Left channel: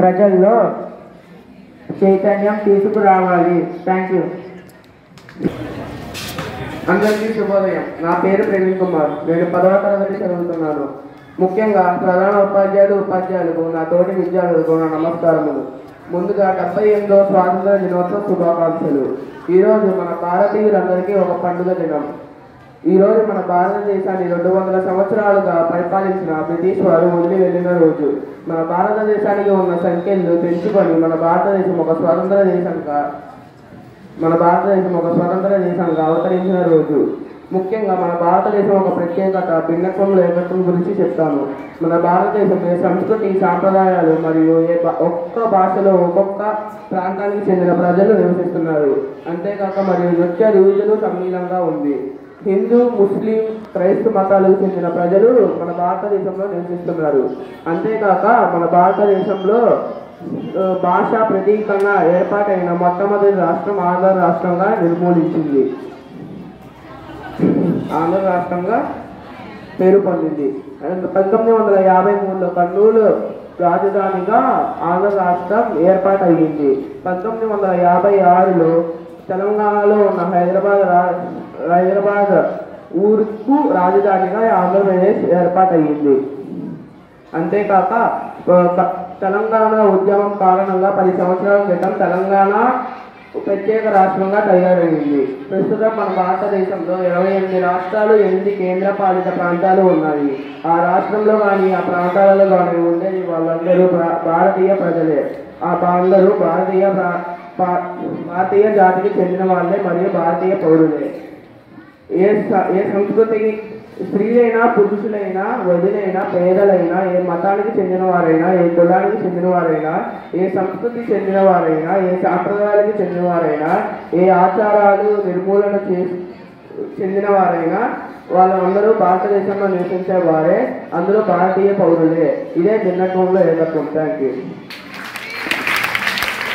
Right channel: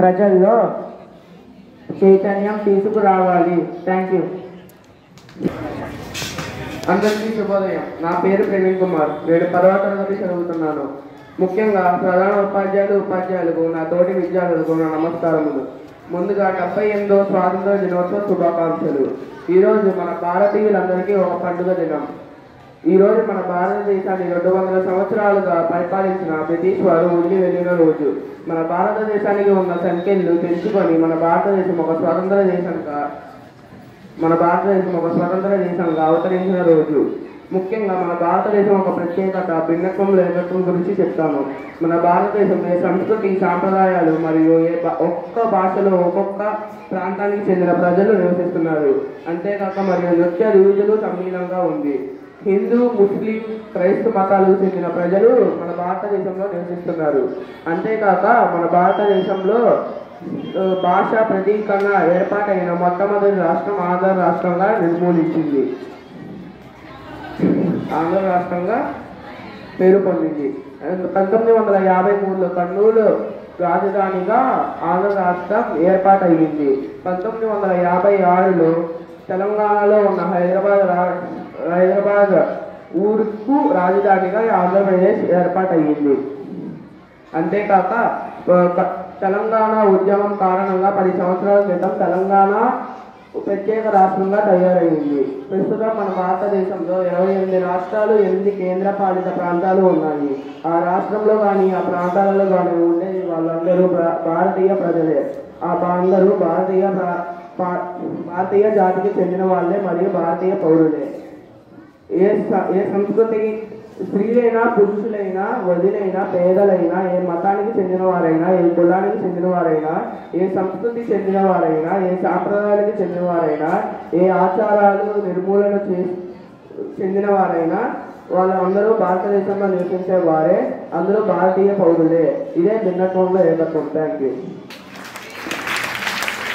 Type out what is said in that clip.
ప్రజల్లో చైతన్యం తీసుకురావాలి. Thank you. అందరికీ శుభోదయం. నా పేరు ప్రవీణ్ కుమార్. నేను 10వ తరగతి చదువుతున్నాను. ముఖ్యంగా ప్రధాన ఉపాధ్యాయులకు నా తోటి విద్యార్థులకు నా నమస్కారములు. ముందుగా 78వ స్వాతంత్ర దినోత్సవ శుభాకాంక్షలు. ఈరోజు మన భారతీయులందరికీ ఒక పండుగ దినం. ఈరోజు మన భారతదేశాన్ని 200 సంవత్సరాలుగా పరిపాలించిన బ్రిటిష్ వారు వదిలి వెళ్ళిన రోజు. మన భారతదేశానికి ఉన్న సంఖ్యలు పెంచుకొని మన భారతదేశం ఒక స్వతంత్ర దేశంగా అవతరించిన రోజు. ముఖ్యంగా మన భారతదేశం ఒక ప్రత్యేకత, భిన్నత్వం, ఏకత్వం గురించి చెప్తాను. మన భారతదేశంలో సంస్కృతి, సాంప్రదాయాలు మరియు ఒక్కొక్క భాషలో ఒక్కొక్క ప్రాంతానికి చెందిన ప్రజలు నివసిస్తున్నారు. అంతేకాక మరియు నృత్య రీతులు సమ్మేళనంగా ఉంది. హిందూ, ముస్లిం, క్రైస్తవ మతాలకు చెందిన ప్రజలు మన భారతదేశంలో నివసిస్తున్నారు. అంతేకాక మన భారతదేశంలో భాషా ప్రతీకంగా ఏర్పాటైన మొట్టమొదటి రాష్ట్రం ఆంధ్ర రాష్ట్రంగా పేరు పొందింది. 1953లో కర్నూలు రాజధానిగా ఆంధ్ర రాష్ట్రం ఏర్పాటయ్యింది. 1956లో తెలంగాణలో ఉన్న హైదరాబాద్ ఊరుకు రాజధానిగా ఆంధ్రప్రదేశ్ ఏర్పాటయ్యింది. అంతేకాక తెలంగాణ ఉద్యమం కారణంగా 10 సంవత్సరాల క్రితం తెలంగాణ ప్రత్యేక రాష్ట్రంగా తయారైంది. ప్రస్తుతం మన భారతదేశంలో 28 రాష్ట్రాలు, 8 కేంద్ర పాలిత ప్రాంతాలు ఉన్నాయి. ఆ రాష్ట్రంలో కానీ ఆ ప్రాంతాలలో కానీ ఉండేది వాళ్ళందరూ భారతీయ ప్రజలే. అందరూ భారతీయ జాతికి చెందిన వాళ్ళే మరియు భారతీయ పౌరులే. ఏ సంస్కృతి, స్త్రీలైనా, పురుషులైనా, వదిలైనా, పేదలైనా, ఏ మతానికి చెందిన వారైనా, ఏ కులానికి చెందిన వారైనా, ఏ సంస్కృతికి చెందిన వారైనా, ఏ సాంప్రదాయానికి చెందిన వారైనా, ఏ ఆచారాలు నిర్మూలన చెందిన వారైనా, వాళ్ళందరూ భారతదేశంలో నివసించే వారే. అందరూ భారతీయ పౌరులే. ఇదే భిన్నత్వంలో ఏకత్వం. Thank you.